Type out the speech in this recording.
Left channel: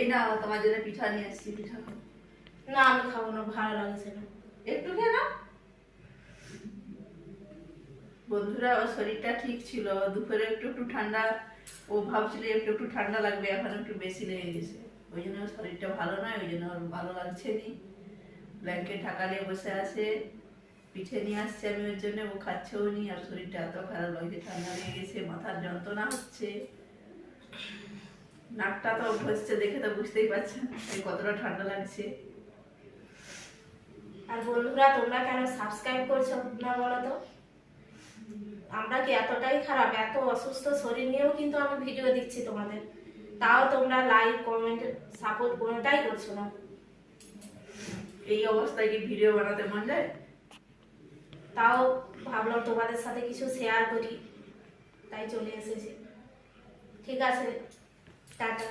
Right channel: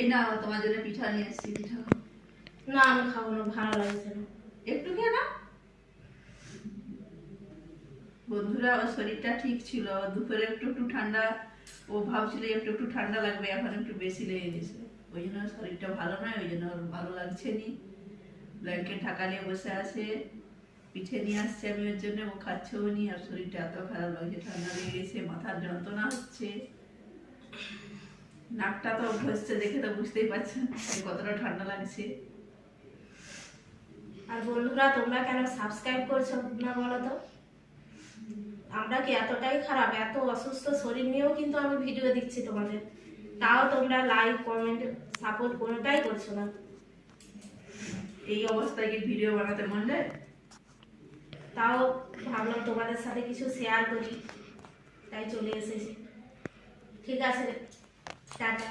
এই না তোমার জন্য পিঠা নিয়ে এসেছি, পিঠা খাও। না আমি খাবো না, ভালো লাগছে না। একটু খেয়ে নাও। বন্ধুরা, ওর শরীরটা ঠিক ছিল, দুপুরে একটু একটু ঠান্ডা, ও ভাবছিল একটু একটু ঠান্ডা লাগবে, এখন একটু বেশি লেগে গেছে। ওই জন্য ওর শরীরটা ভালো নয়, ওই জন্য ওর ভালো লাগছে নি। ব্ল্যাঙ্কেট ঢাকা নিয়ে বসে আছে। পিঠে নিয়ে আসছে আমি ওর জন্য, ও খাচ্ছেও নি, আর শরীরটা এত খারাপ লাগছে, ঠান্ডা লেগে গেছে, মাথার যন্ত্রণা হচ্ছে, নাকটা তো ঘষছে, দেখে তো বুঝতেই পারছেন যে কতটা ঠান্ডা লাগছে। আর বন্ধুরা, তোমরা কেন সাবস্ক্রাইব করছো না বলো তো? আমরা কি এতটাই খারাপ? এত অসুস্থ শরীর নিয়েও কিন্তু আমি ভিডিও দিচ্ছি তোমাদের, তাও তোমরা লাইক কমেন্ট সাপোর্ট কোনোটাই করছো না। এই অবস্থায় কি ভিডিও বানাতে মন যায়? তাও ভাবলাম তোমাদের সাথে কিছু শেয়ার করি, তাই চলে এসেছি। ঠিক আছে, টাটা।